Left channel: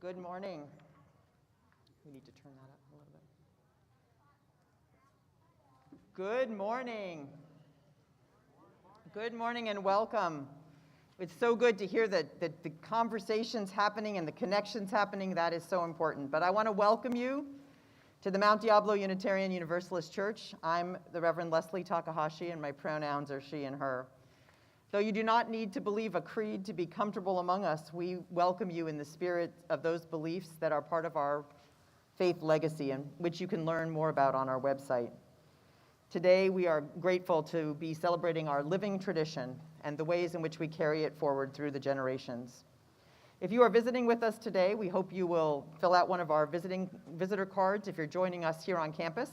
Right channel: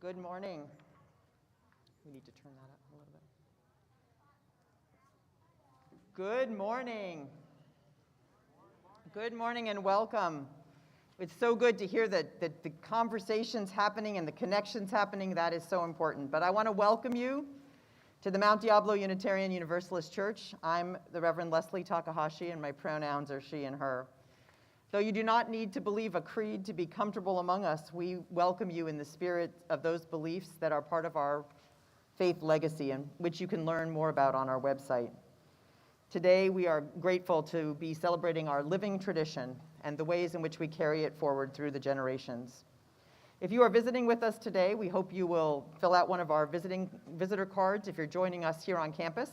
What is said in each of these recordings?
Good morning. We need to turn that up a little bit. Good morning. Good morning and welcome. It's so good to hear that the conversations happening and the connections happening. That is so important. But I want to welcome you to the Mount Diablo Unitarian Universalist Church. I'm the Reverend Leslie Takahashi, and my pronouns are she and her. Though you do not need to believe a creed to be comfortable among us, we welcome you in the spirit of those beliefs that are part of our faith legacy, and which you can learn more about on our website. Today, we are grateful to be celebrating our living tradition and the ways in which we carry it forward through the generations. If you are visiting with us today, we hope you will fill out one of our visitor cards if you're joining us here on campus.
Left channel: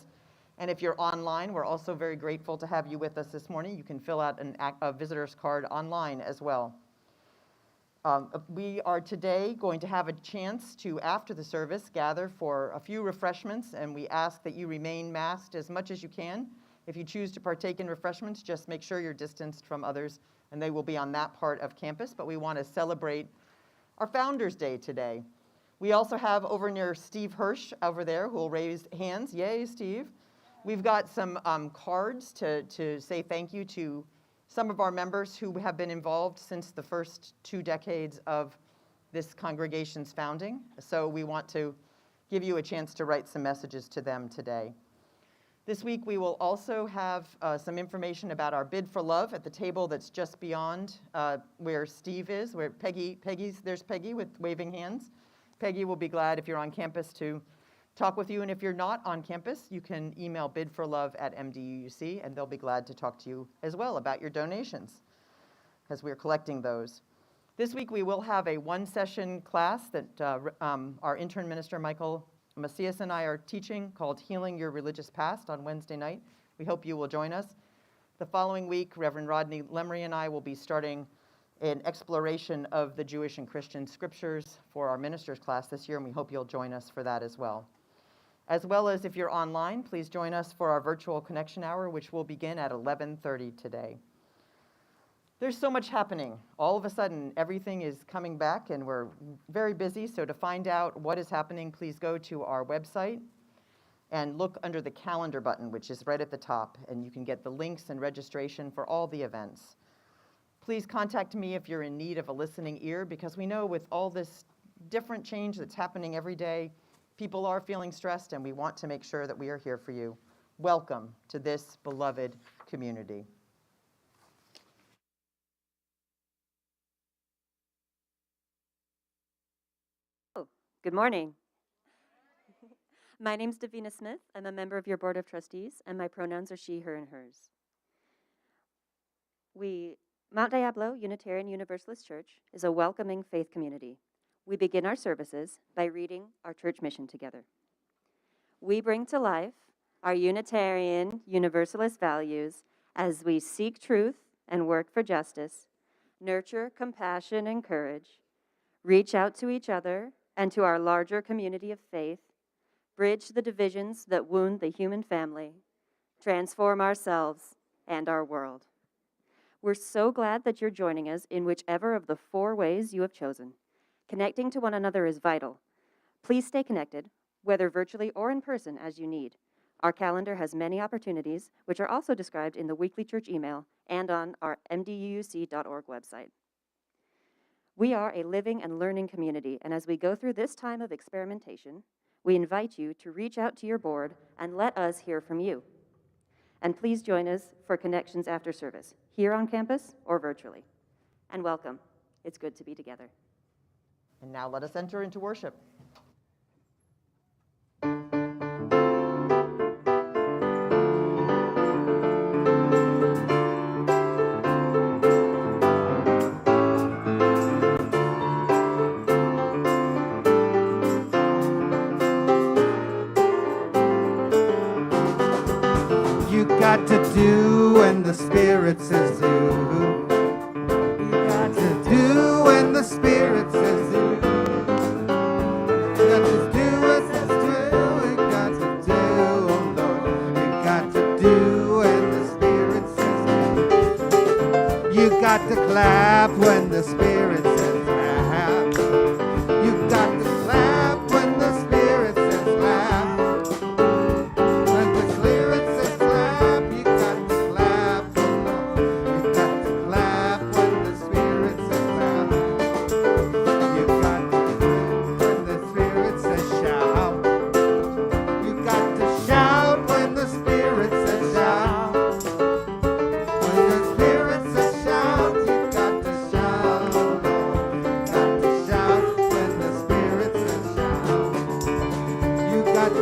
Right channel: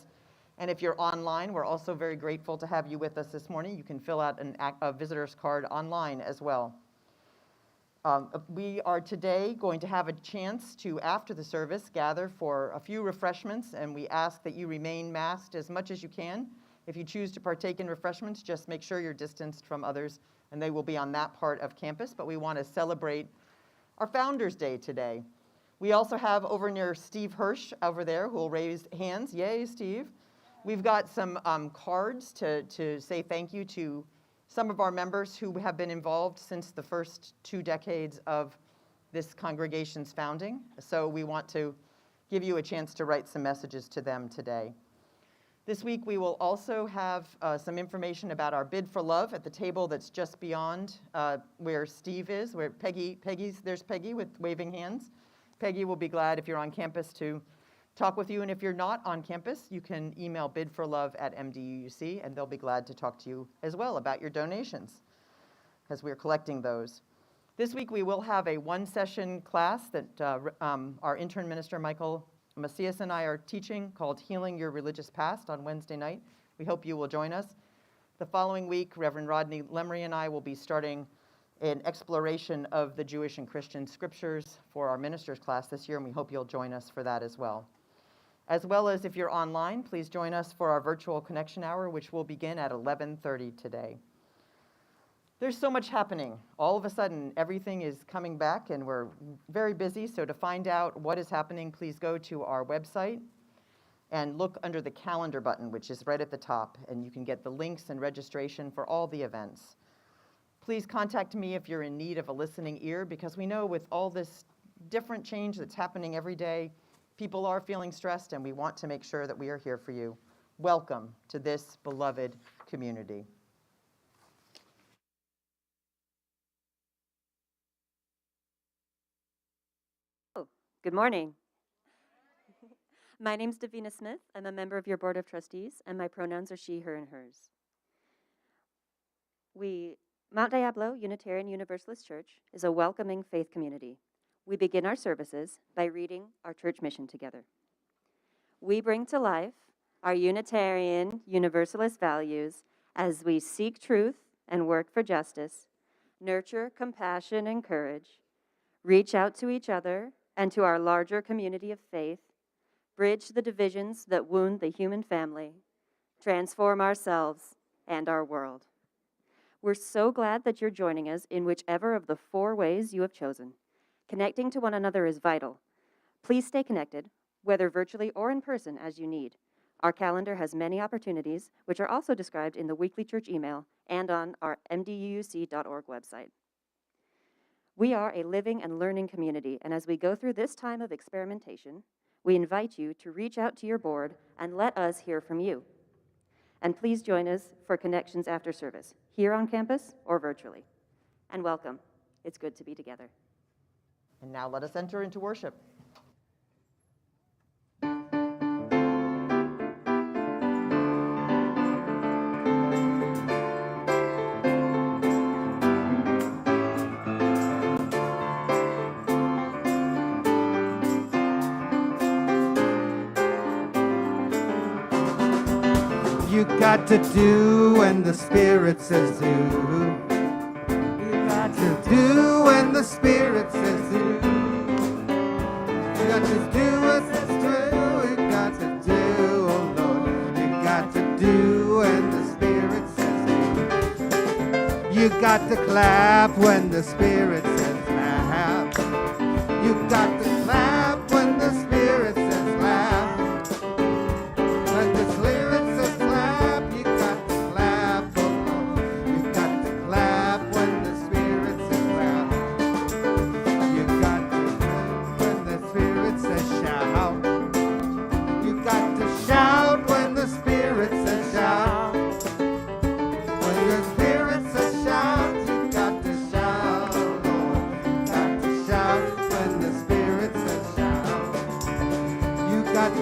And if you're online, we're also very grateful to have you with us this morning. You can fill out a visitor's card online as well. We are today going to have a chance to, after the service, gather for a few refreshments, and we ask that you remain masked as much as you can. If you choose to partake in refreshments, just make sure you're distanced from others, and they will be on that part of campus. But we want to celebrate our Founders Day today. We also have over near Steve Hirsch over there who will raise hands. Yay, Steve. We've got some cards to say thank you to some of our members who have been involved since the first 2 decades of this congregation's founding. So we want to give you a chance to write some messages to them today. This week we will also have some information about our Bid for Love at the table that's just beyond where Steve is, where there's Peggy with waving hands. Peggy will be glad if you're on campus to talk with you, and if you're not on campus, you can email bidforlove@mduuc, and they'll be glad to talk to you as well about your donations, because we're collecting those. This week we will have a one-session class that our intern minister, Michael Macias, and I are teaching called Healing Your Religious Past on Wednesday night. We hope you will join us. The following week, Reverend Rodney Lemery and I will be starting an exploration of the Jewish and Christian scriptures for our ministers class this year, and we hope you'll join us for that as well. As well as if you're online, please join us for our virtual connection hour, which will begin at 11:30 today. There's so much happening. All of a sudden, everything is coming back, and we're very busy. So to find out what is happening, please go to our website and look under the calendar button, which is right at the top, and you can get the links and registration for all the events. Please contact me if you're in need of a listening ear, because we know with all this different change that's happening every day, people are feeling stressed, and we want to make sure that we are here for you. Welcome to this beloved community. Oh, good morning. My name's Davina Smith. I'm a member of your Board of Trustees, and my pronouns are she, her, and hers. Mount Diablo Unitarian Universalist Church is a welcoming faith community. We begin our services by reading our church mission together. We bring to life our Unitarian Universalist values as we seek truth and work for justice, nurture compassion and courage, reach out to each other and to our larger community of faith, bridge the divisions that wound the human family, transform ourselves and our world. We're so glad that you're joining us in whichever of the 4 ways you have chosen. Connecting to one another is vital. Please stay connected, whether virtually or in person, as you need. Our calendar has many opportunities, which are also described in the weekly church email and on our mduuc.org website. We are a living and learning community, and as we go through this time of experimentation, we invite you to reach out to your board and let us hear from you. And please join us for connections after service, here on campus or virtually. And welcome. It's good to be together. And now let us enter into worship. You got to do when the Spirit says do. You got to do when the Spirit says do. You got to do what says do. You got to do, oh Lord. You got to do when the Spirit says do. You got to clap when the Spirit says clap. You got to clap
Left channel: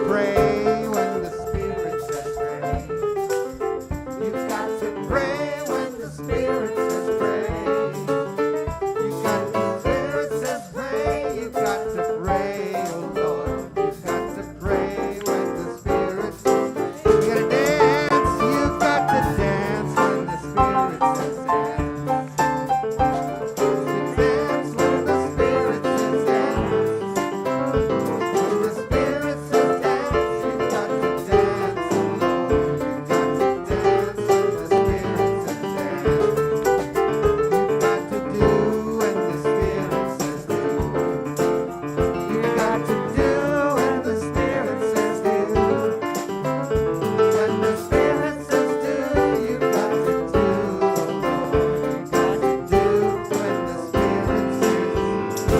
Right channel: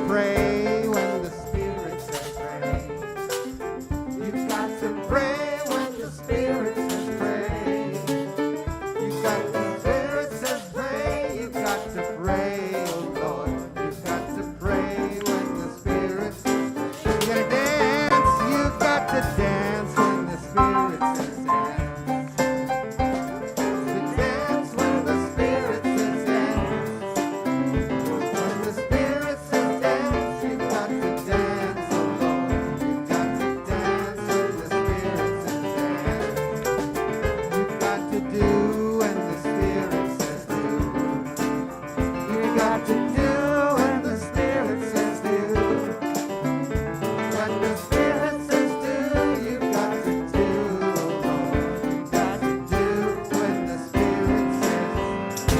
pray when the Spirit says pray. You've got to pray when the Spirit says pray. You've got the Spirit says pray. You've got to pray, oh Lord. You've got to pray when the Spirit says pray. You gotta dance. You've got to dance when the Spirit says dance. To dance when the Spirit says dance. When the Spirit says dance, you've got to dance, oh Lord. You've got to dance when the Spirit says dance. You've got to do when the Spirit says do. You've got to do when the Spirit says do. When the Spirit says do, you've got to do, oh Lord. You've got to do when the Spirit says do.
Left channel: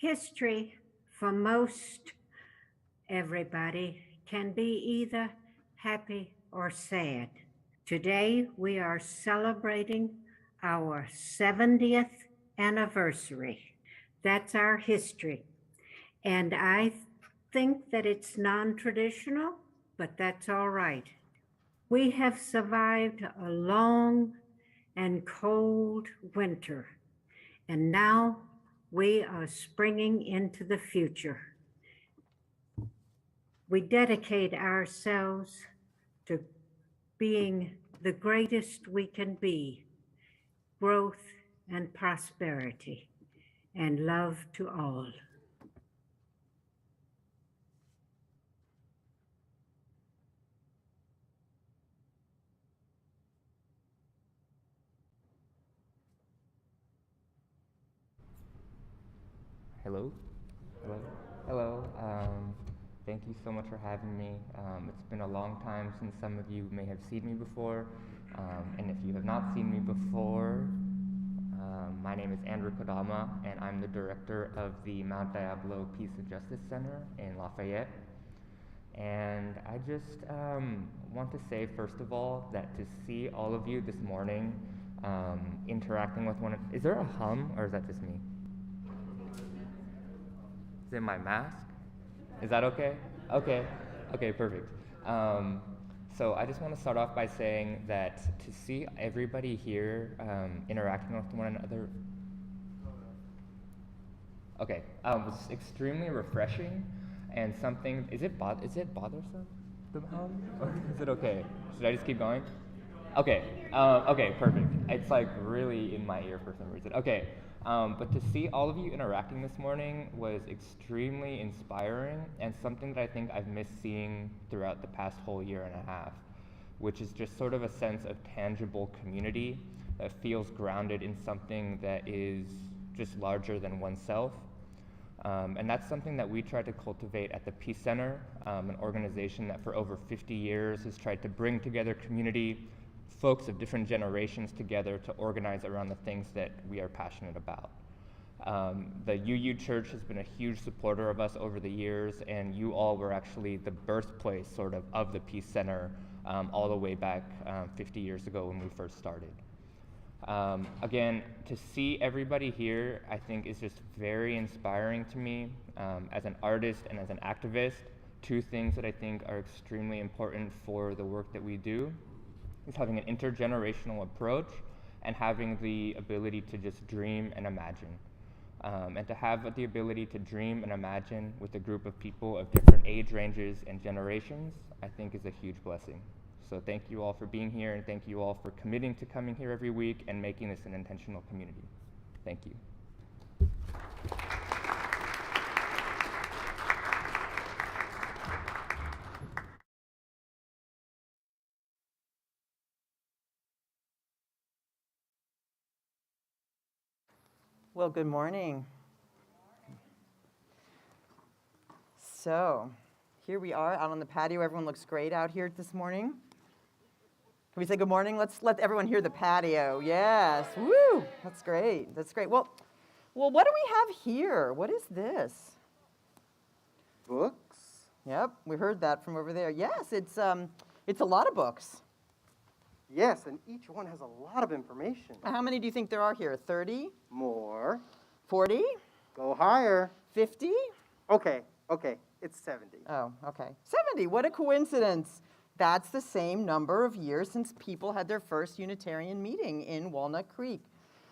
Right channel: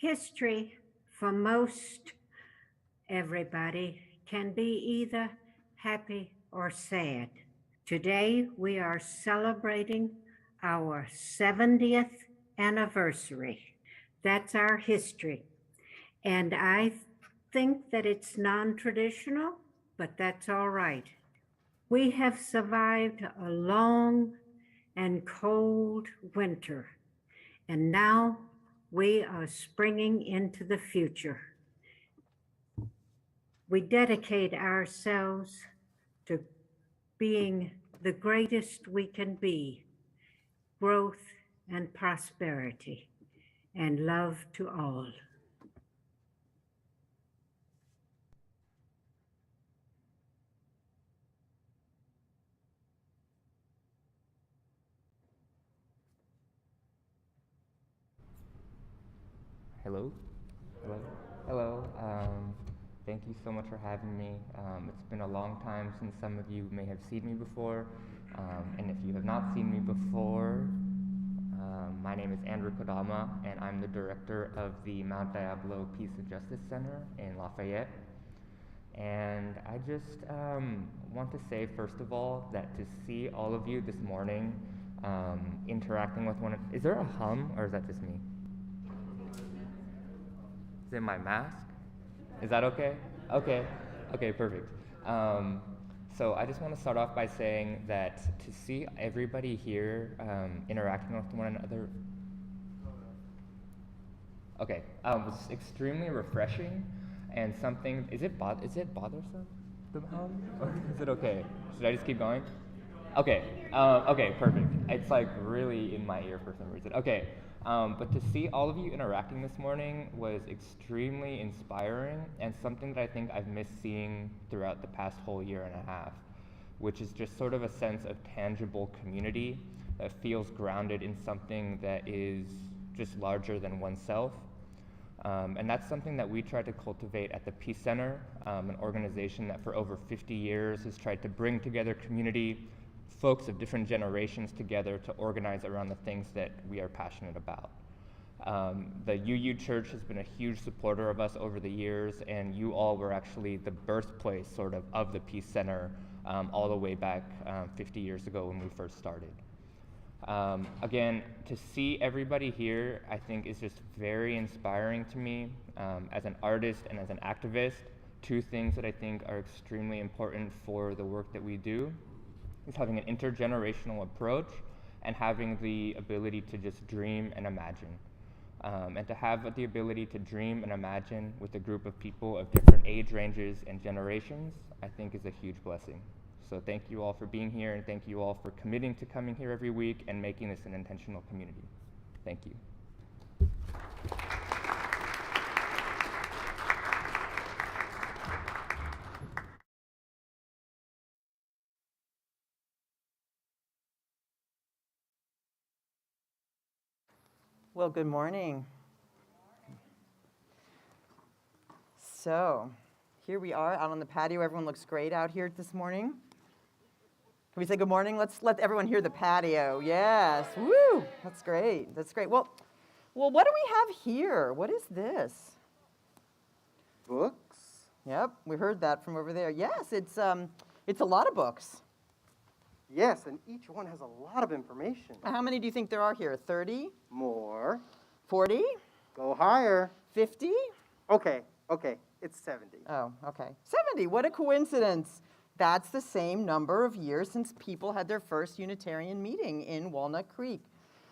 History, for most everybody, can be either happy or sad. Today, we are celebrating our 70th anniversary. That's our history. And I think that it's non-traditional, but that's all right. We have survived a long and cold winter, and now we are springing into the future. We dedicate ourselves to being the greatest we can be, growth and prosperity, and love to all. Hello? Hello? Hello. Thank you so much for having me. It's been a long time since some of you may have seen me before. And if you have not seen me before, my name is Andrew Kodama, and I'm the director of the Mount Diablo Peace and Justice Center in Lafayette. And I just want to say, first of all, that to see all of you this morning interacting with one another. Is there a hum, or is that just me? Is it my mask? Is that okay? Okay, okay, perfect. So I just want to start off by saying that to see everybody here interacting with one another, okay, was extremely refreshing and something. Is it bothersome? The hum? Or is it okay? Should I just keep going? Okay, okay, perfect. It's like really in my ear for some reason. Okay, But to see all of you interacting this morning was extremely inspiring and something that I think I've missed seeing throughout the past whole year and a half, which is just sort of a sense of tangible community that feels grounded in something that is just larger than oneself. And that's something that we try to cultivate at the Peace Center, an organization that for over 50 years has tried to bring together community, folks of different generations together to organize around the things that we are passionate about. The UU Church has been a huge supporter of us over the years, and you all were actually the birthplace sort of the Peace Center all the way back 50 years ago when we first started. Again, to see everybody here, I think is just very inspiring to me. As an artist and as an activist, two things that I think are extremely important for the work that we do is having an intergenerational approach and having the ability to just dream and imagine. And to have the ability to dream and imagine with a group of people of different age ranges and generations, I think is a huge blessing. So thank you all for being here, and thank you all for committing to coming here every week and making this an intentional community. Thank you. Well, good morning. So, here we are out on the patio. Everyone looks great out here this morning. Can we say good morning? Let's let everyone hear the patio. Yes. Woo! That's great. That's great. Well, what do we have here? What is this? Books? Yep, we heard that from over there. Yes, it's a lot of books. Yes, and each one has a lot of information. How many do you think there are here? 30? More. 40? Go higher. 50? Okay, it's 70. Oh, okay. 70, what a coincidence. That's the same number of years since people had their first Unitarian meeting in Walnut Creek.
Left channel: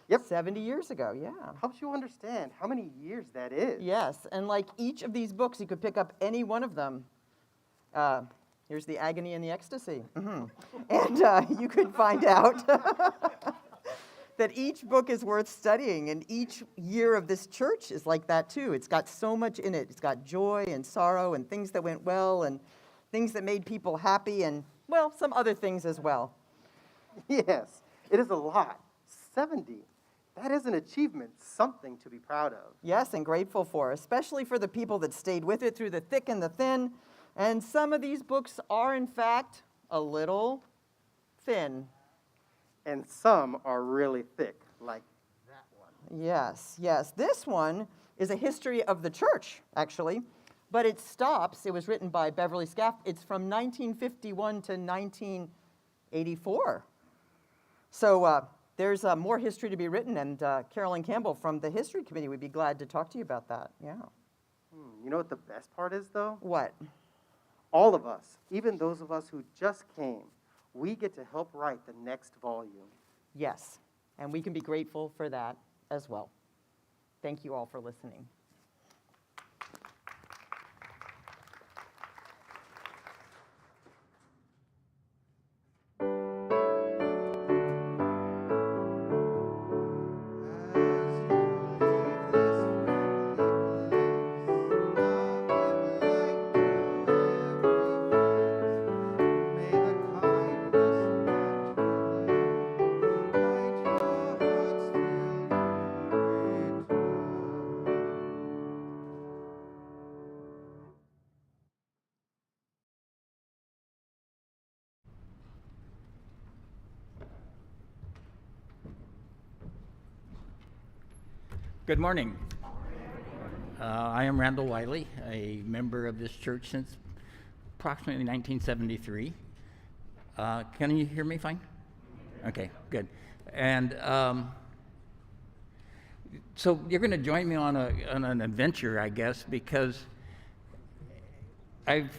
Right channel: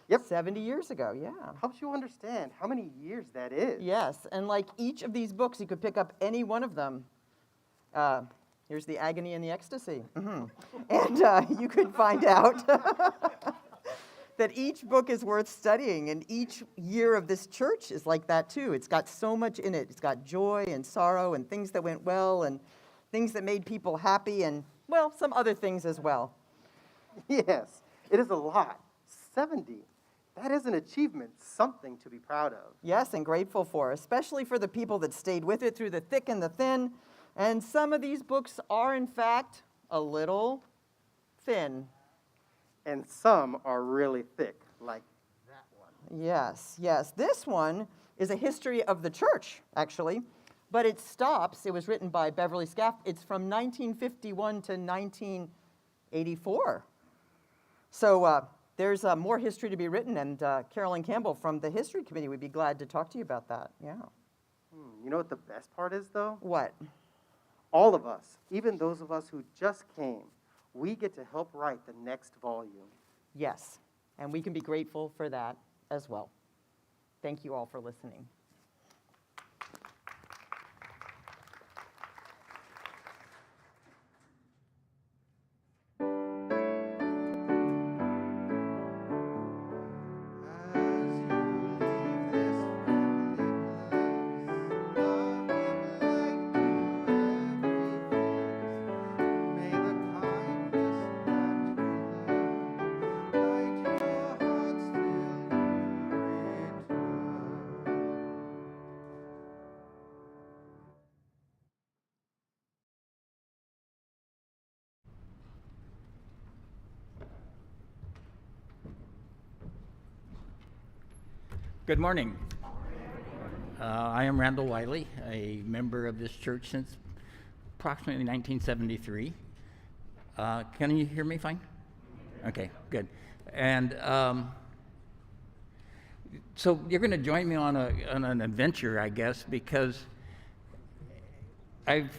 Yep. 70 years ago, yeah. Helps you understand how many years that is. Yes, and like each of these books, you could pick up any one of them. Here's the Agony and the Ecstasy. And you could find out that each book is worth studying, and each year of this church is like that too. It's got so much in it. It's got joy and sorrow and things that went well and things that made people happy and, well, some other things as well. Yes, it is a lot. 70. That is an achievement, something to be proud of. Yes, and grateful for, especially for the people that stayed with it through the thick and the thin. And some of these books are, in fact, a little thin. And some are really thick, like that one. Yes, yes. This one is a history of the church, actually. But it stops, it was written by Beverly Scaff, it's from 1951 to 1984. So there's more history to be written, and Carolyn Campbell from the History Committee would be glad to talk to you about that, yeah. You know what the best part is, though? What? All of us, even those of us who just came, we get to help write the next volume. Yes, and we can be grateful for that as well. Thank you all for listening. Good morning. I am Randall Wiley, a member of this church since approximately 1973. Can you hear me fine? Okay, good. And so you're going to join me on an adventure, I guess, because I've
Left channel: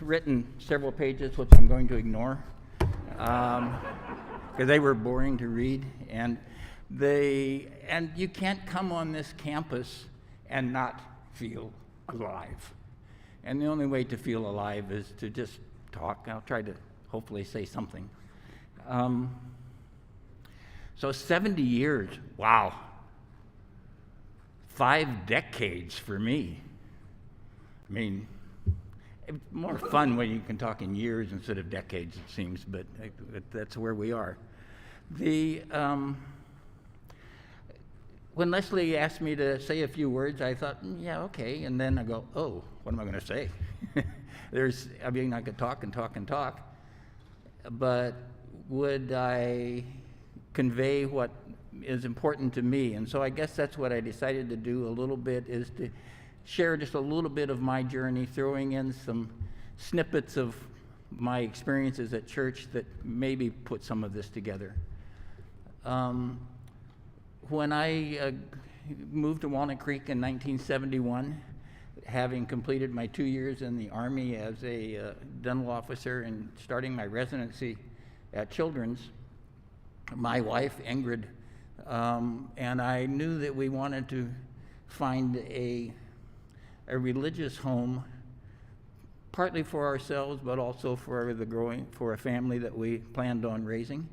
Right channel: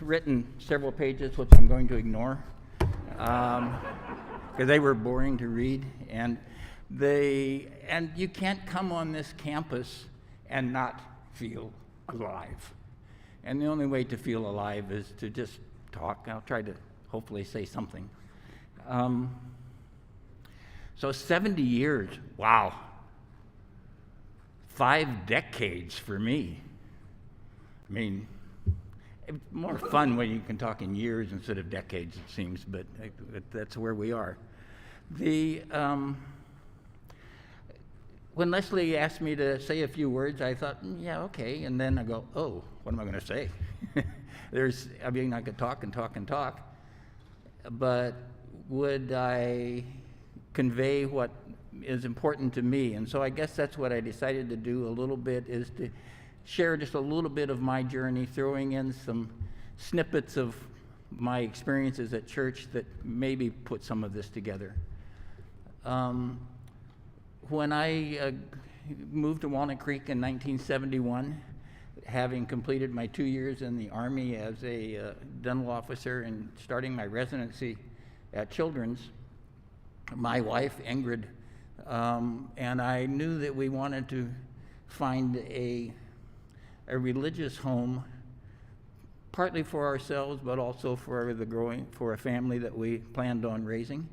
written several pages, which I'm going to ignore, because they were boring to read, and you can't come on this campus and not feel alive. And the only way to feel alive is to just talk. I'll try to hopefully say something. So 70 years, wow. 5 decades for me. I mean, it's more fun when you can talk in years instead of decades, it seems, but that's where we are. When Leslie asked me to say a few words, I thought, yeah, okay, and then I go, oh, what am I going to say? I could talk and talk and talk, but would I convey what is important to me? And so I guess that's what I decided to do a little bit, is to share just a little bit of my journey, throwing in some snippets of my experiences at church that maybe put some of this together. When I moved to Walnut Creek in 1971, having completed my 2 years in the Army as a dental officer and starting my residency at Children's, my wife, Ingrid, and I knew that we wanted to find a religious home, partly for ourselves, but also for a family that we planned on raising.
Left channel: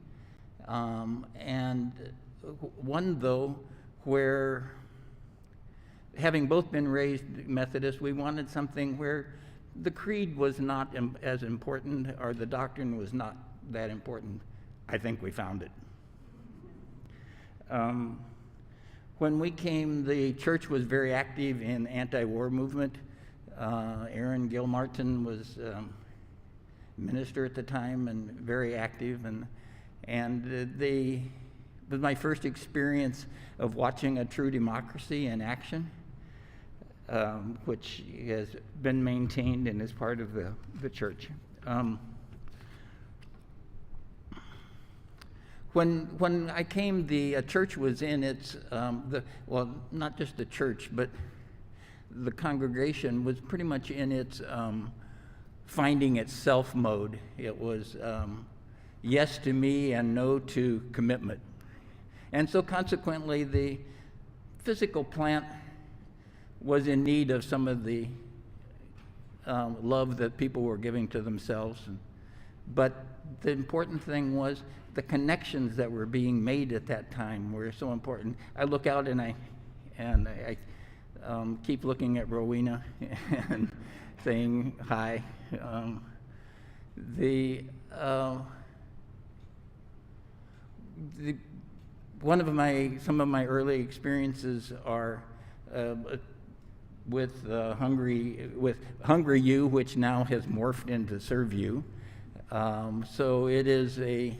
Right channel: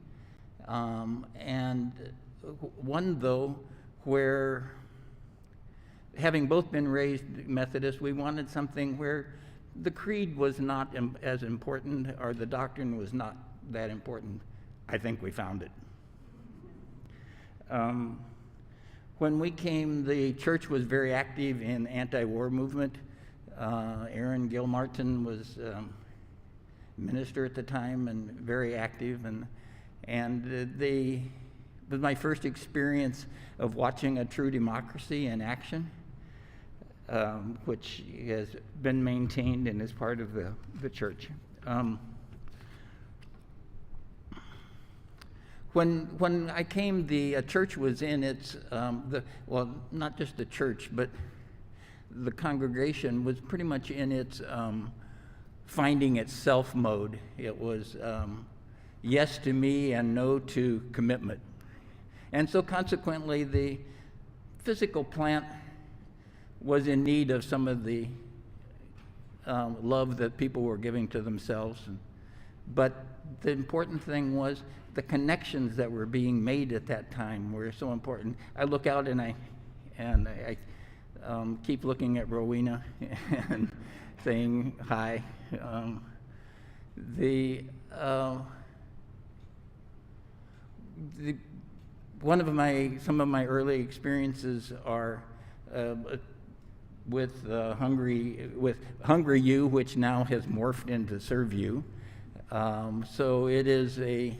And one, though, where, having both been raised Methodist, we wanted something where the creed was not as important, or the doctrine was not that important. I think we found it. When we came, the church was very active in anti-war movement. Aaron Gilmartin was minister at the time and very active, and it was my first experience of watching a true democracy in action, which has been maintained and is part of the church. When I came, the church was in its, not just the church, but the congregation was pretty much in its finding itself mode. It was yes to me and no to commitment. And so consequently, the physical plant was in need of some of the love that people were giving to themselves. But the important thing was the connections that were being made at that time were so important. I look out and I keep looking at Rowena and saying hi. Some of my early experiences are with Hungry You, which now has morphed into Serve You. So it is a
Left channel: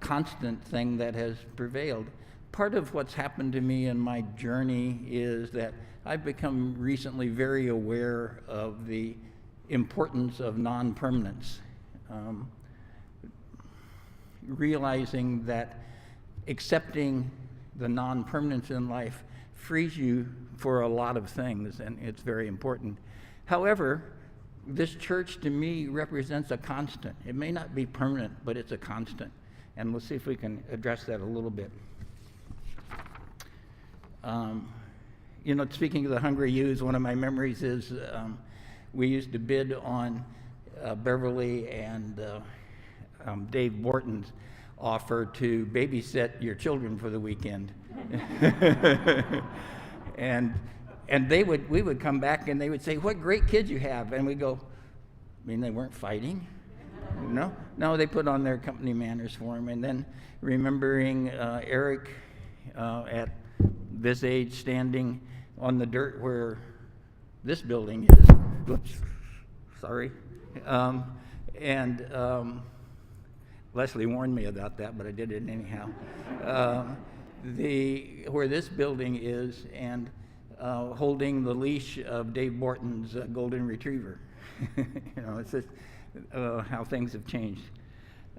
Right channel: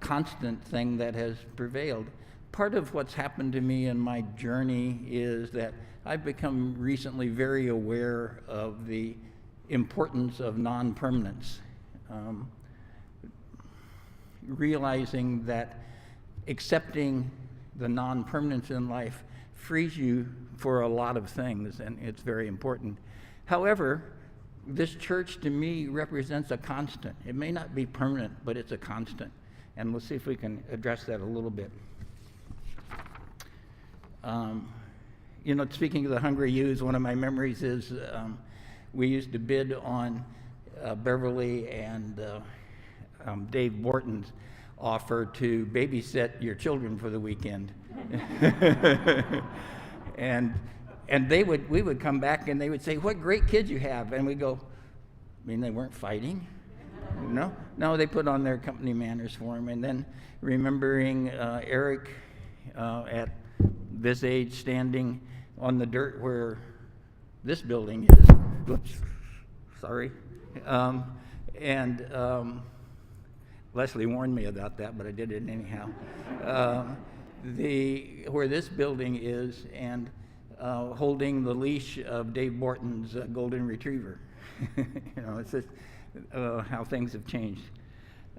constant thing that has prevailed. Part of what's happened to me in my journey is that I've become recently very aware of the importance of non-permanence. Realizing that accepting the non-permanence in life frees you for a lot of things, and it's very important. However, this church to me represents a constant. It may not be permanent, but it's a constant. And we'll see if we can address that a little bit. Speaking of the Hungry Youths, one of my memories is we used to bid on Beverly and Dave Borton's offer to babysit your children for the weekend. And we would come back and they would say, "What great kids you have." And we'd go, "I mean, they weren't fighting?" No, they put on their company manners for them. And then remembering Eric at this age standing on the dirt where this building is. Whoops, sorry. Leslie warned me about that, but I did it anyhow. Where this building is, and holding the leash of Dave Borton's golden retriever. It's just how things have changed.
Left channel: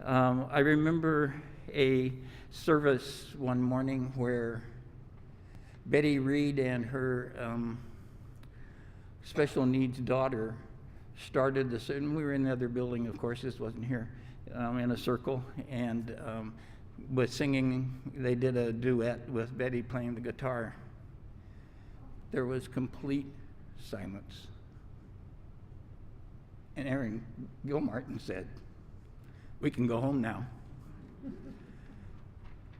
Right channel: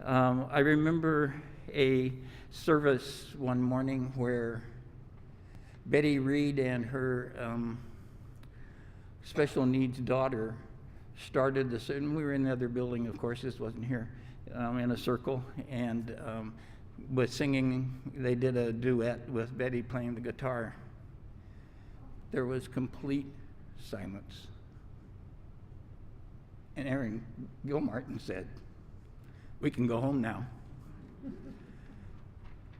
I remember a service one morning where Betty Reed and her special needs daughter started this, and we were in the other building, of course, this wasn't here, in a circle, and was singing. They did a duet with Betty playing the guitar. There was complete silence. And Aaron Gilmartin said, "We can go home now."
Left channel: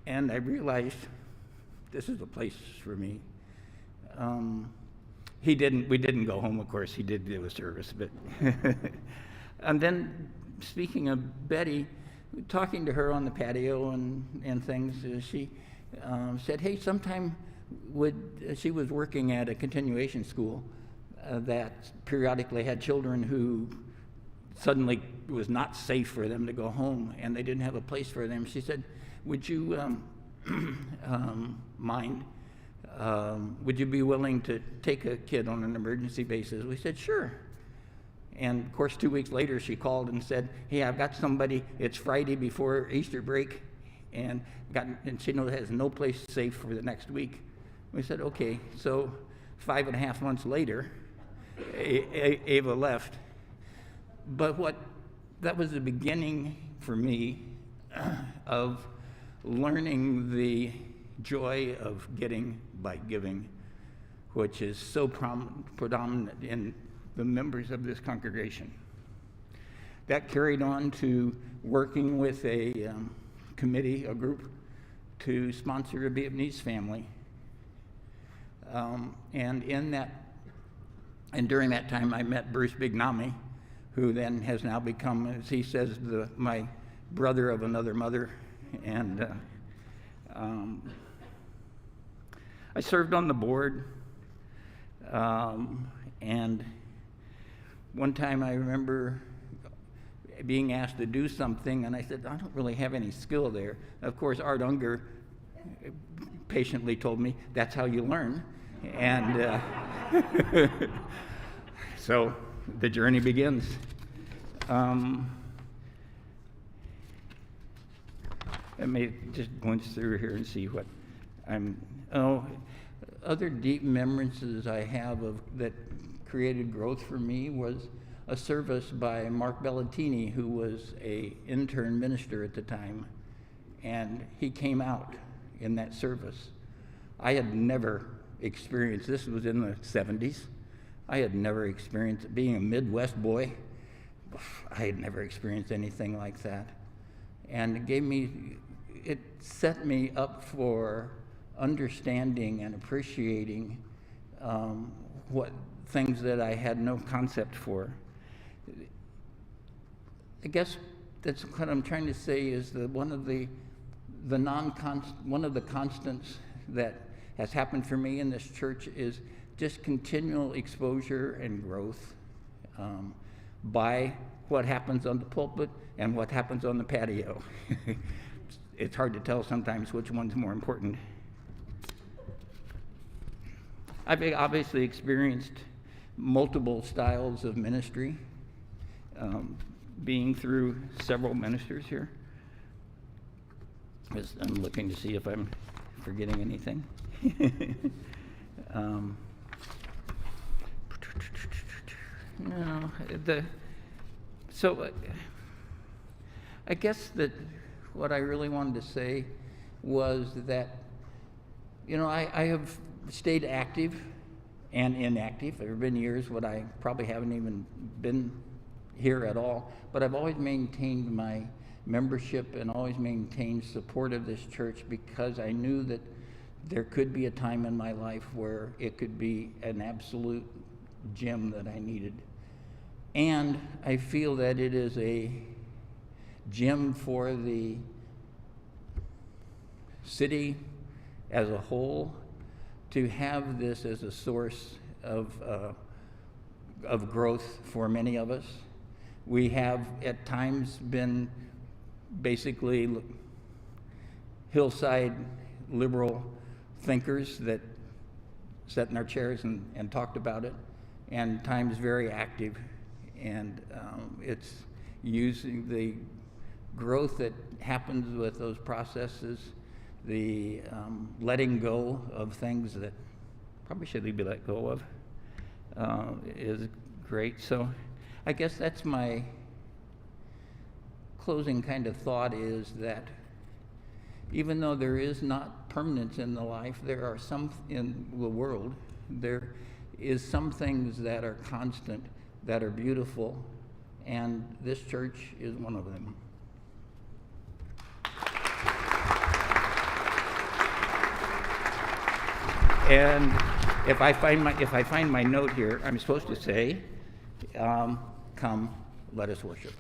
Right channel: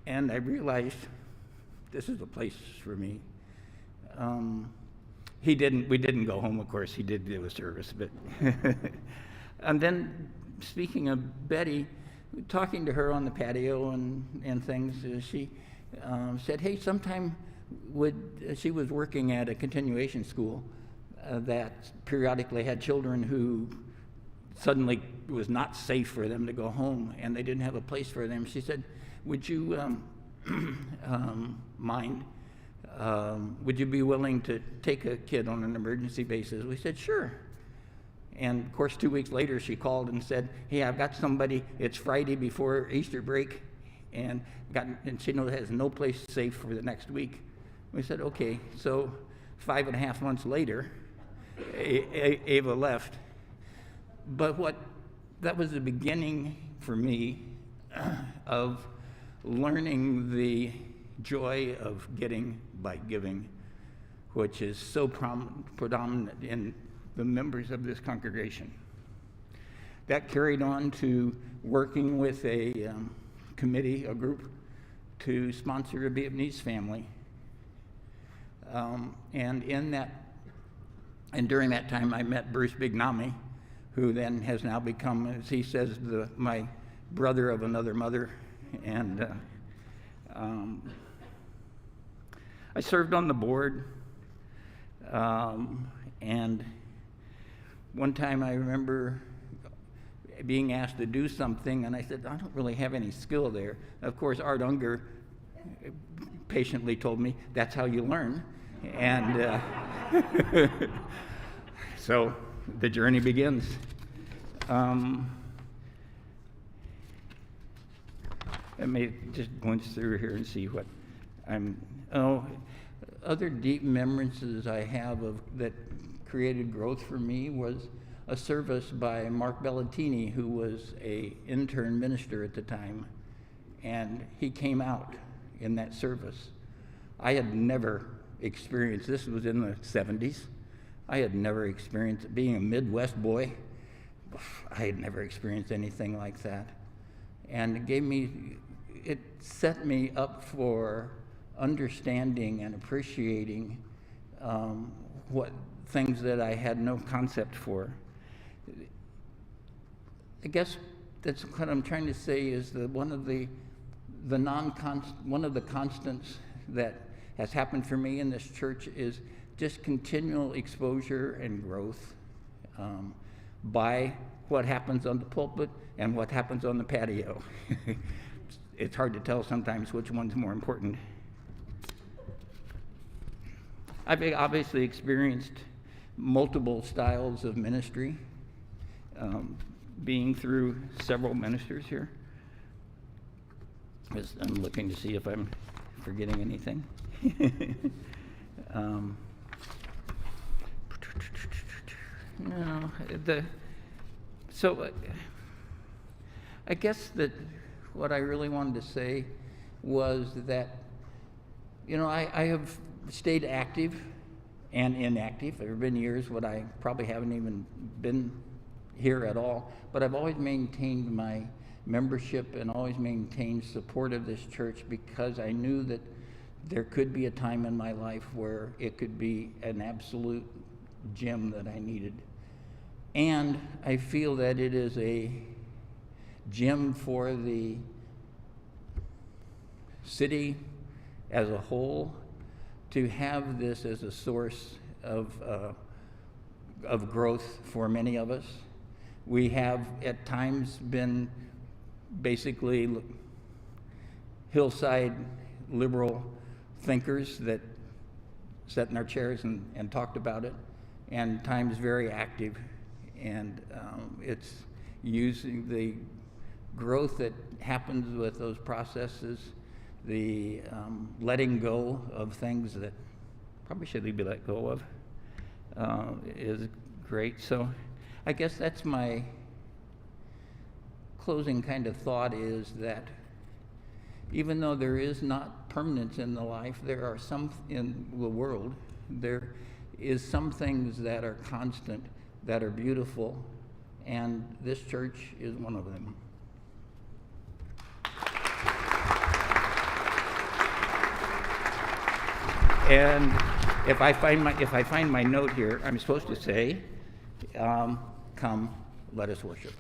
And I realized this is a place for me. We didn't go home, of course. He did do a service, but and then speaking of Betty, talking to her on the patio and things, she said, hey, sometime she was working at a continuation school that periodically had children who suddenly it was not safe for them to go home, and they didn't have a place for them. She said, would you mind? Would you be willing to take a kid on an emergency basis? We said, sure. And of course, 2 weeks later, she called and said, hey, I've got somebody, it's Friday before Easter break, and she has no place safe for the next week. We said, okay. So 5.5 months later, Ava left. But that was the beginning for me of learning the joy of getting by giving, which is so predominant in the members of this congregation. That carried on to working with a committee, a group, to sponsor a Vietnamese family. And during that time, I met Bruce Bignami, who then has now become, as he says, my brother of another mother. And I served on the board. And one time I remember being asked to do something, and I said, I don't really have any skill there. Of course, Art Unger patiently told me, that's how you learn. And so the journey begins. Let me just glance through here and see what other deep memories I have of that created growth for me was a service by Mark Bellatini, who was an intern minister at the time, and he came out in that service. I had never experienced, this was in the 70s, I had never experienced, being a Midwest boy, I had never experienced anything like that. And it set me up for understanding and appreciating what things that I had no concept for. I guess that's what I'm trying to say is that one of the constants that has happened for me in this church is just continual exposure and growth by what happens on the pulpit and what happens on the patio. It's hard to tell sometimes which one's more important. I've obviously experienced multiple styles of ministry, being through several ministers here. I'm looking to see if I'm forgetting anything. No, so I guess that what I really wanted to say was that, I have stayed active and inactive. There have been years when I probably haven't even been here at all, but I've always maintained my membership and always maintained support of this church because I knew that there could be a time in my life where it could be an absolute gem that I needed. And I feel that it is a gem for the city as a whole to have this as a source of growth for many of us. We have at times been basically hillside liberal thinkers that sat in our chairs and talked about it, and times very active. And it's using the growth that happens with those processes, the letting go of things that probably should be let go of is great. So I guess that's my closing kind of thought, is that even though there is not permanence in the life, there are some in the world, there is some things that are constant, that are beautiful, and this church is one of them. And if I find my note here, I'm supposed to say, come, let us worship.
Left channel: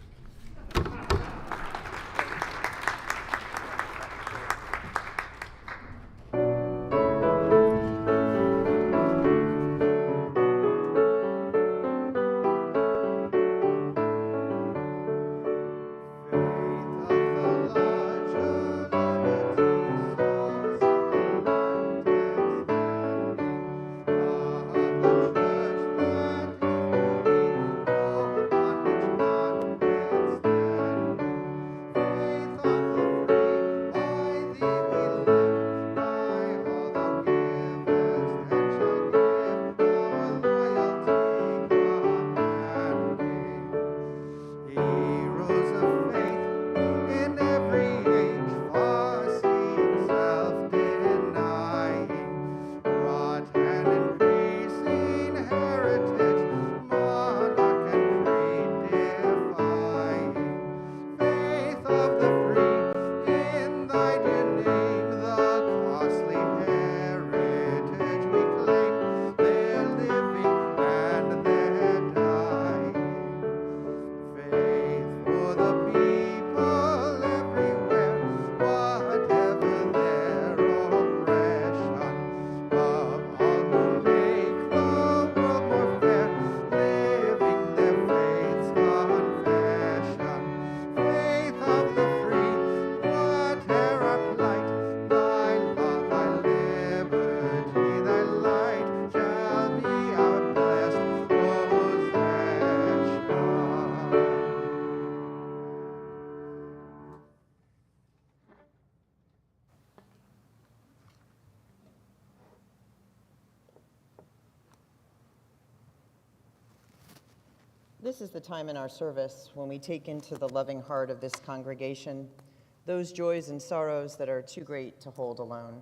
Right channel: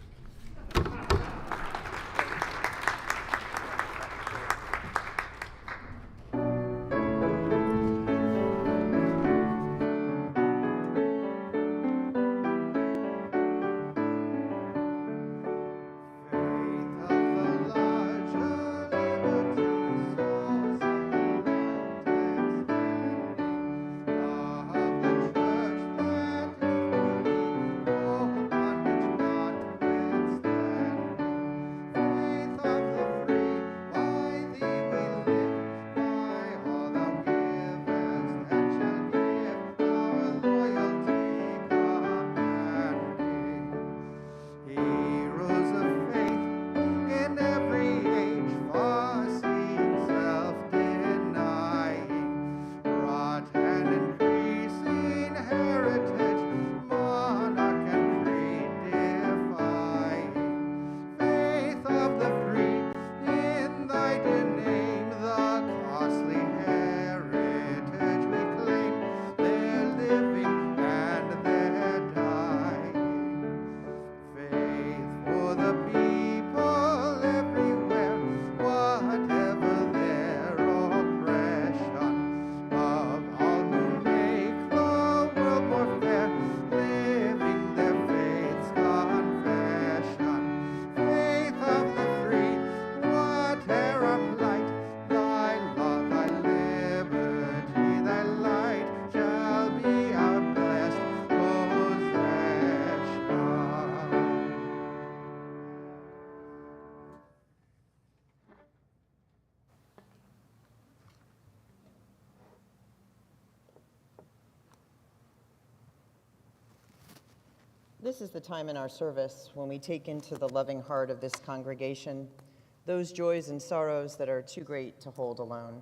This is the time in our service when we take into the loving heart of this congregation those joys and sorrows that are too great to hold alone.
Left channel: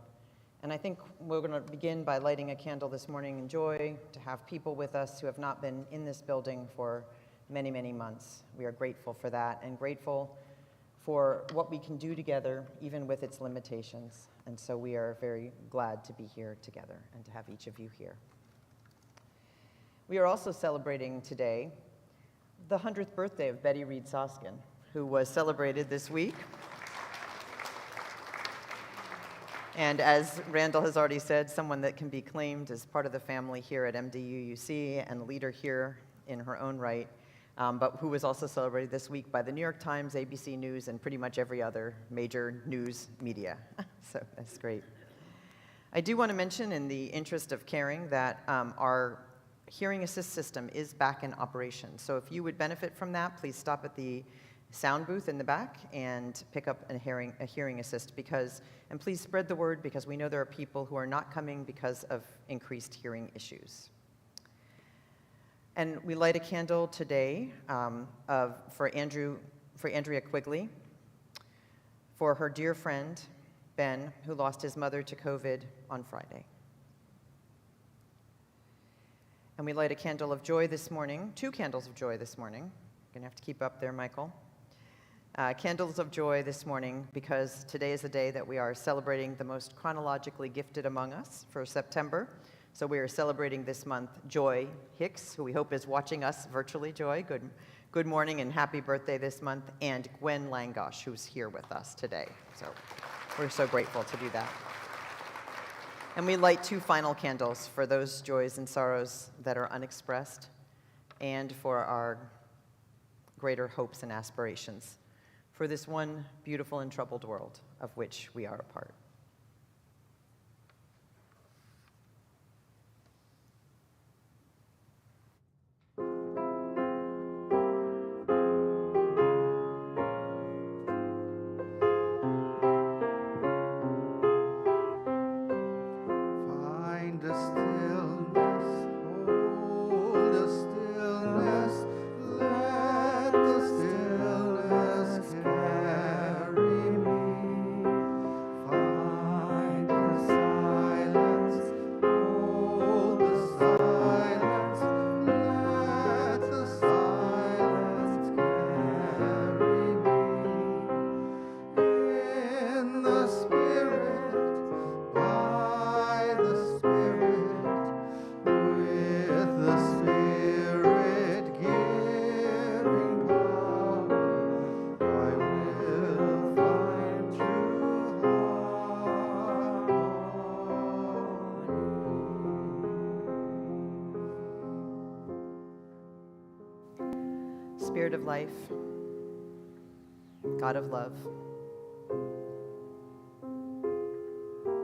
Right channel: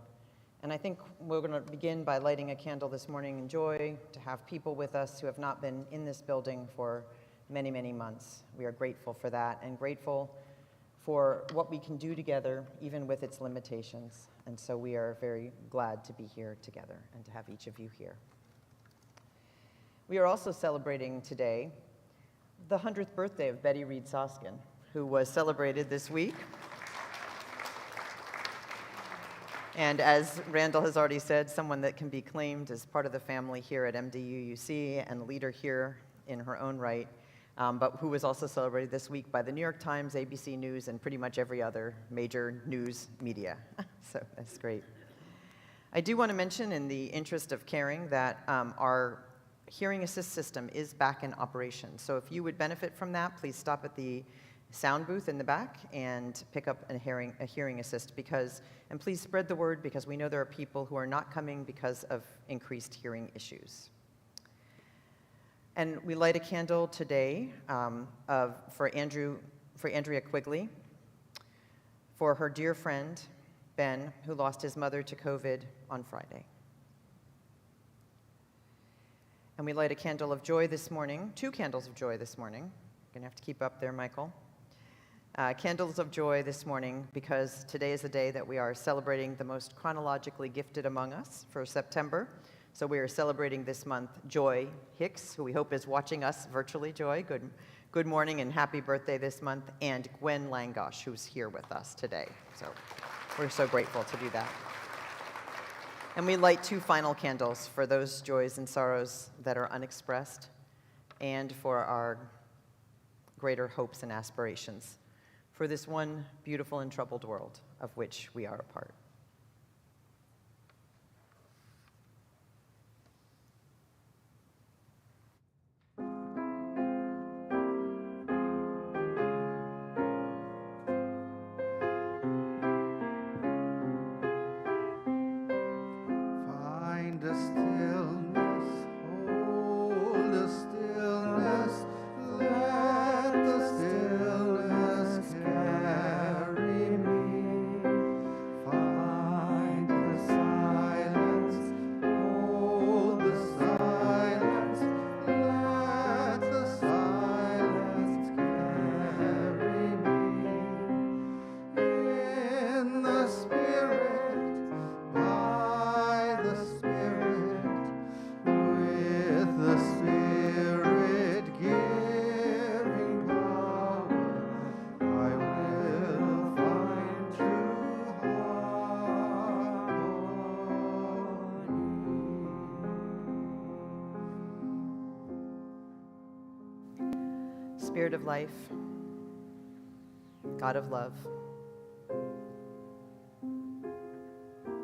And I think we're going to begin by lighting a candle this morning in joy to have people with us who have not been in this building for many, many months. We are grateful for that and grateful for what we can do together, even with its limitations. And so we are very glad to be here together and to have each of you here. We are also celebrating today the 100th birthday of Betty Reed Soskin, who was celebrated this week. And as Randall has already said, someone that can be claimed as part of the family here at MDUUC and a leader here in her own right, but who was also celebrated this week by the New York Times, ABC News, and pretty much every other major news media. So that's great. I do want to mention, in the interest of caring, that our hearing assist system is back in operation. So if you would benefit from that, please stop at the sound booth in the back and pick up a hearing assist, and please spread the word, because we know there are people who are not coming because of increased hearing issues. And we light a candle today for Andrea Quigley, for her dear friend, Ben, who lost his mother to COVID on Friday. And we light a candle of joy this morning, 2 candles of joy this morning. You're gonna have to keep up there, Michael. Candles of joy this morning, because today is the day that we are celebrating the most chronologically gifted among us for September. So we are celebrating this month Joy Hicks, who we hope is watching us virtually. Joy, good morning and happy birthday this month, and Gwen Langosh, who's here with us today. So we're so grateful to do that. And we light 2 final candles for those joys and sorrows that are unexpressed, and for our greater hopes and aspirations for this one beautiful and troubled world of which we are a part. Find a stillness, hold a stillness, let the stillness carry me. Find Spirit of life, God of love,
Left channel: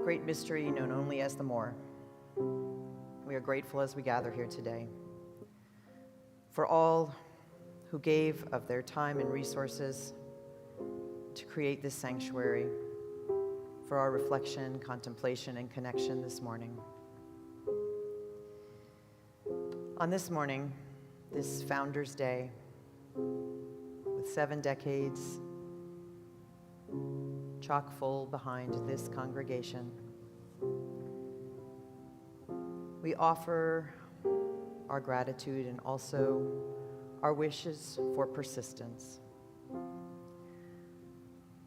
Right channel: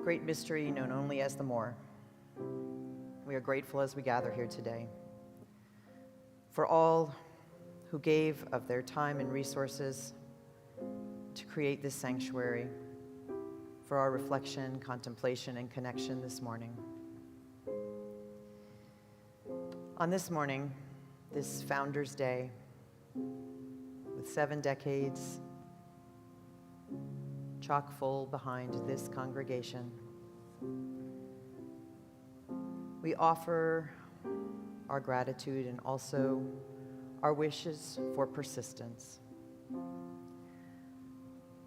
great mystery known only as the More, we are grateful as we gather here today for all who gave of their time and resources to create this sanctuary for our reflection, contemplation, and connection this morning. On this morning, this Founders Day, with 7 decades chock full behind this congregation, we offer our gratitude and also our wishes for persistence.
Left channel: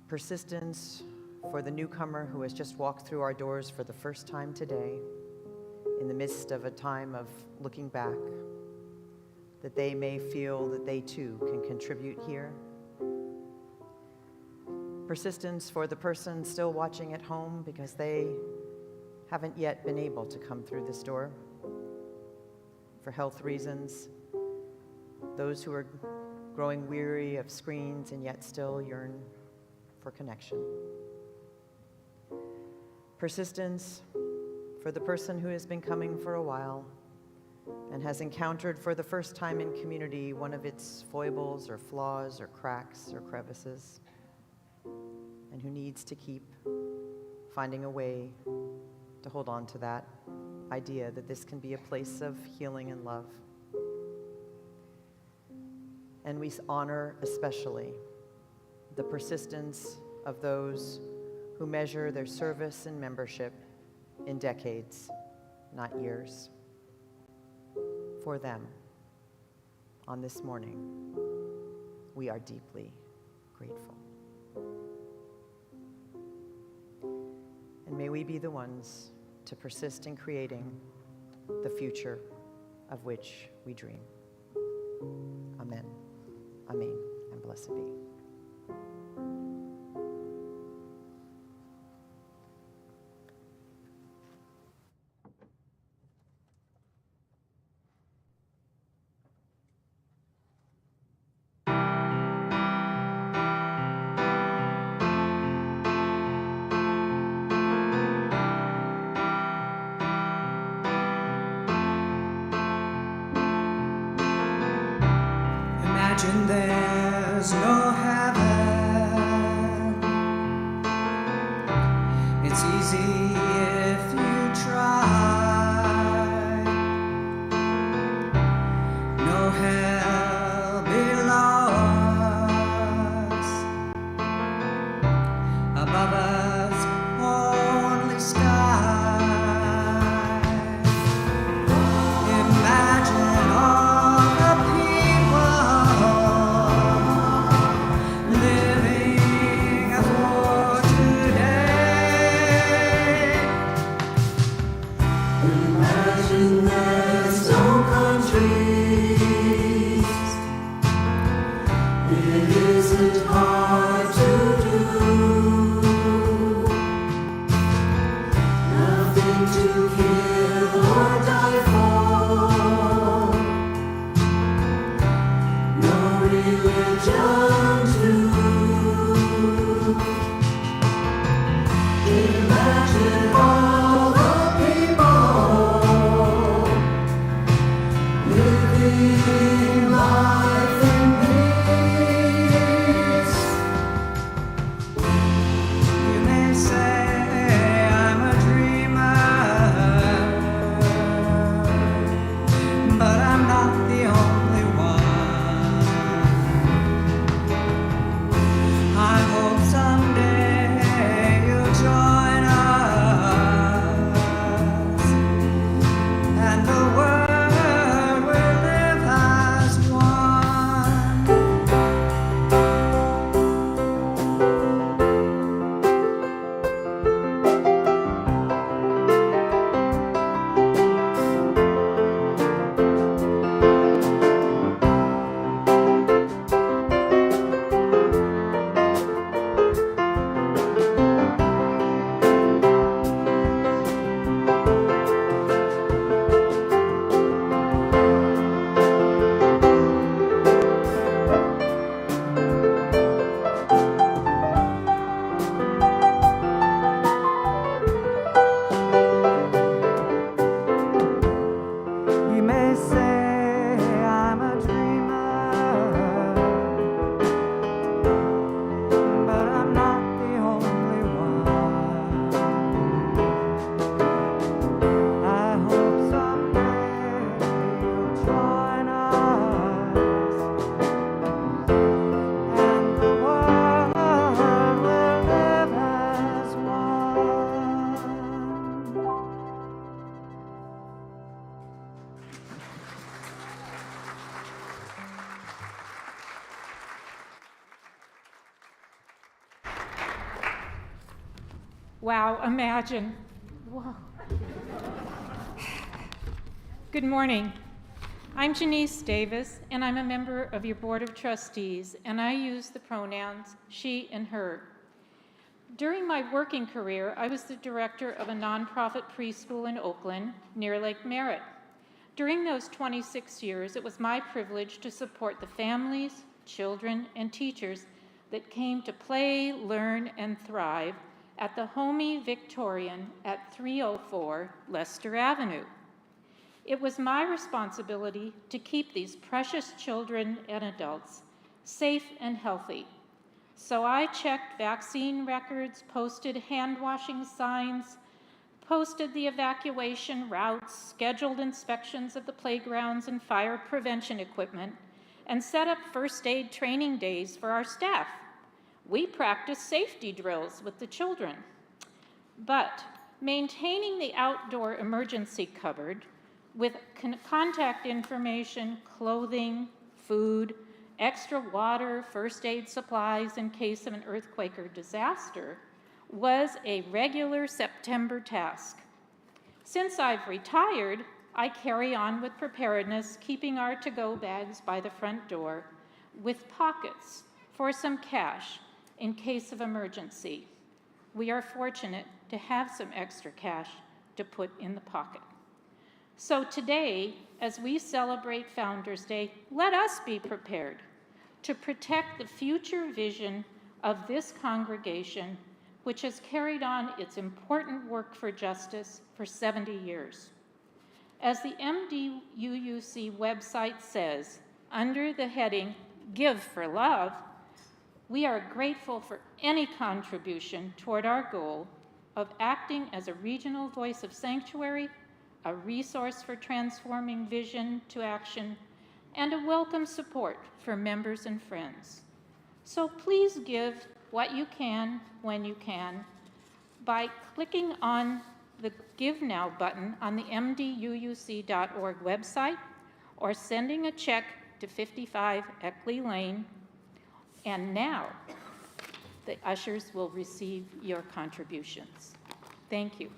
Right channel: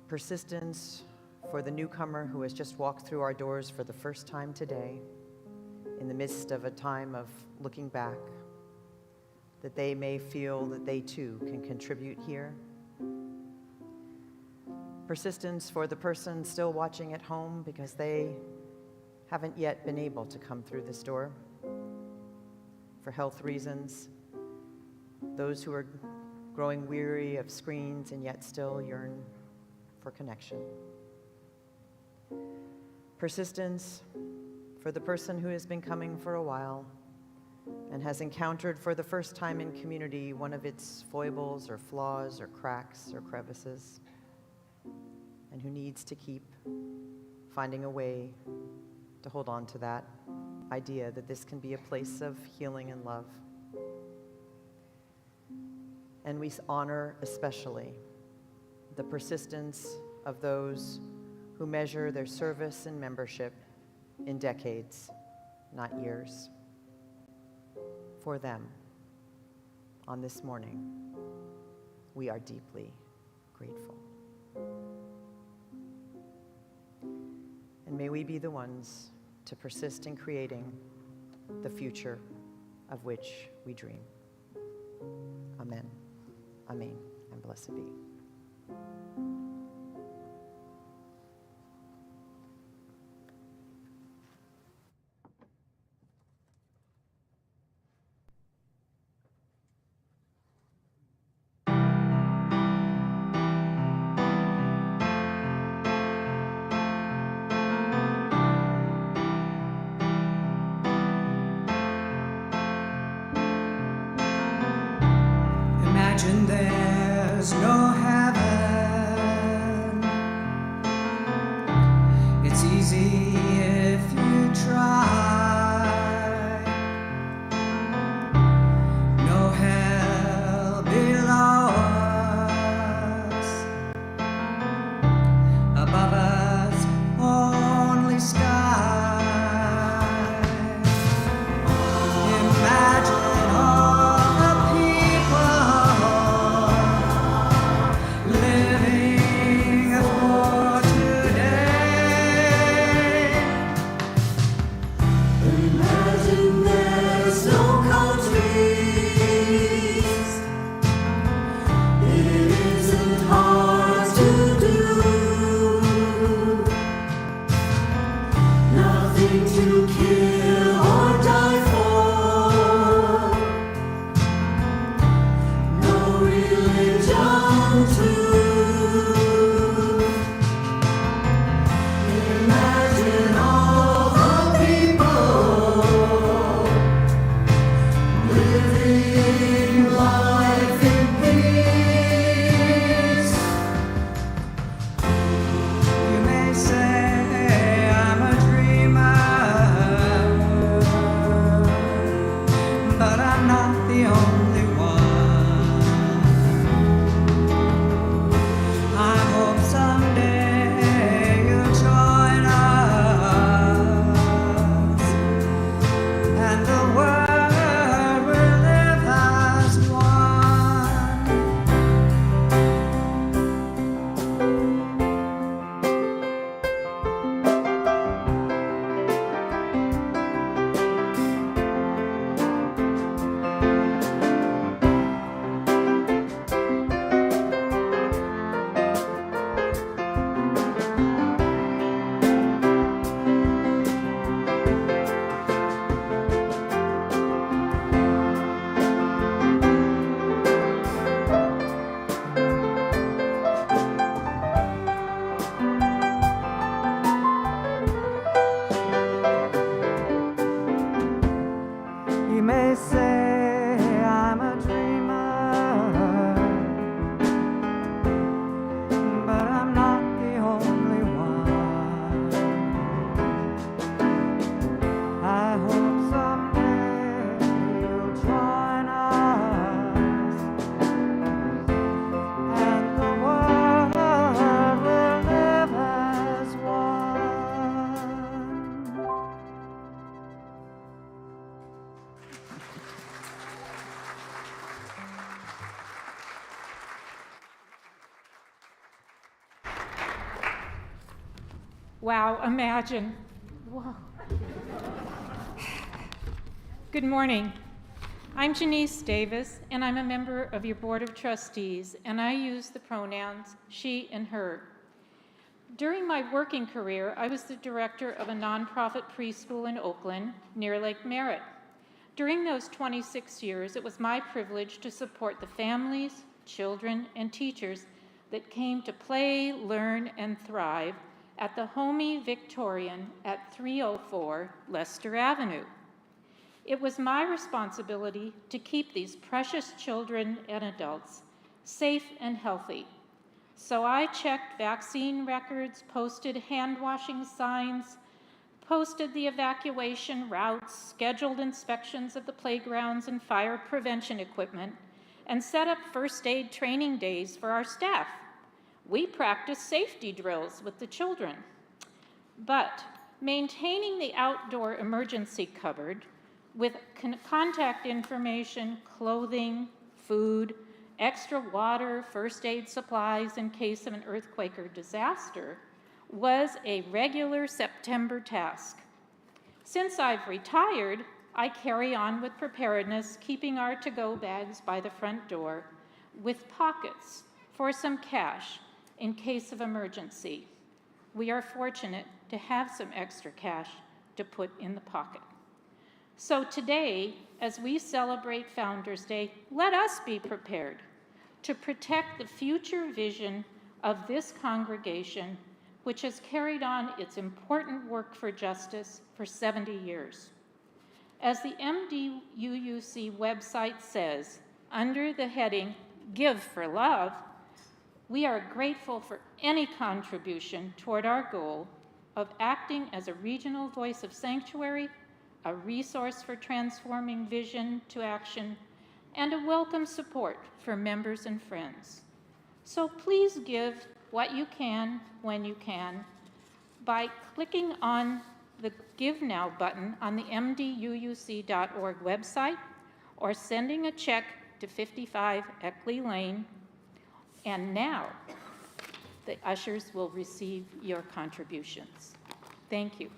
Persistence for the newcomer who has just walked through our doors for the first time today, in the midst of a time of looking back, that they may feel that they too can contribute here. Persistence for the person still watching at home because they haven't yet been able to come through this door for health reasons. Those who are growing weary of screens and yet still yearn for connection. Persistence for the person who has been coming for a while and has encountered for the first time in community one of its foibles or flaws or cracks or crevices, and who needs to keep finding a way to hold on to that idea that this can be a place of healing and love. And we honor especially the persistence of those who measure their service and membership in decades, not years. For them, on this morning, we are deeply grateful. And may we be the ones to persist in creating the future of which we dream. Amen. Amen. And blessed be. Imagine there's no heaven. It's easy if you try. No hell below us. Above us, only sky. Imagine all the people living for today. Imagine there's no countries. It isn't hard to do. Wow, imagine. Whoa. Good morning. I'm Janice Davis, and I'm a member of your Board of Trustees, and I use the pronouns she and her. During my working career, I was the director of a nonprofit preschool in Oakland near Lake Merritt. During those 26 years, it was my privilege to support the families, children, and teachers that came to play, learn, and thrive at the Homey Victorian at 304 Lester Avenue. It was my responsibility to keep these precious children and adults safe and healthy. So I checked vaccine records, posted hand-washing signs, posted the evacuation routes, scheduled inspections of the playgrounds and fire prevention equipment, and set up first aid training days for our staff. We practiced safety drills with the children. But maintaining the outdoor emergency cupboard with contact information, clothing, food, extra water, first aid supplies in case of an earthquake or disaster was a regular September task. Since I've retired, I carry on with preparedness, keeping our to-go bags by the front door with pockets for some cash in case of emergency. We are fortunate to have some extra cash to put in the pocket. So today, as we celebrate Founders Day, let us be prepared to protect the future vision of this congregation, which has carried on its important work for justice for 70 years. As the MDUUC website says, under the heading, Give for Love, we are grateful for any contribution toward our goal of acting as a regional voice of sanctuary, a resource for transforming vision to action, and a welcome support for members and friends. So please give what you can when you can by clicking on the Give Now button on the mduuc.org website or sending a check to 55 Eckley Lane. And now, the ushers will receive your contributions. Thank you.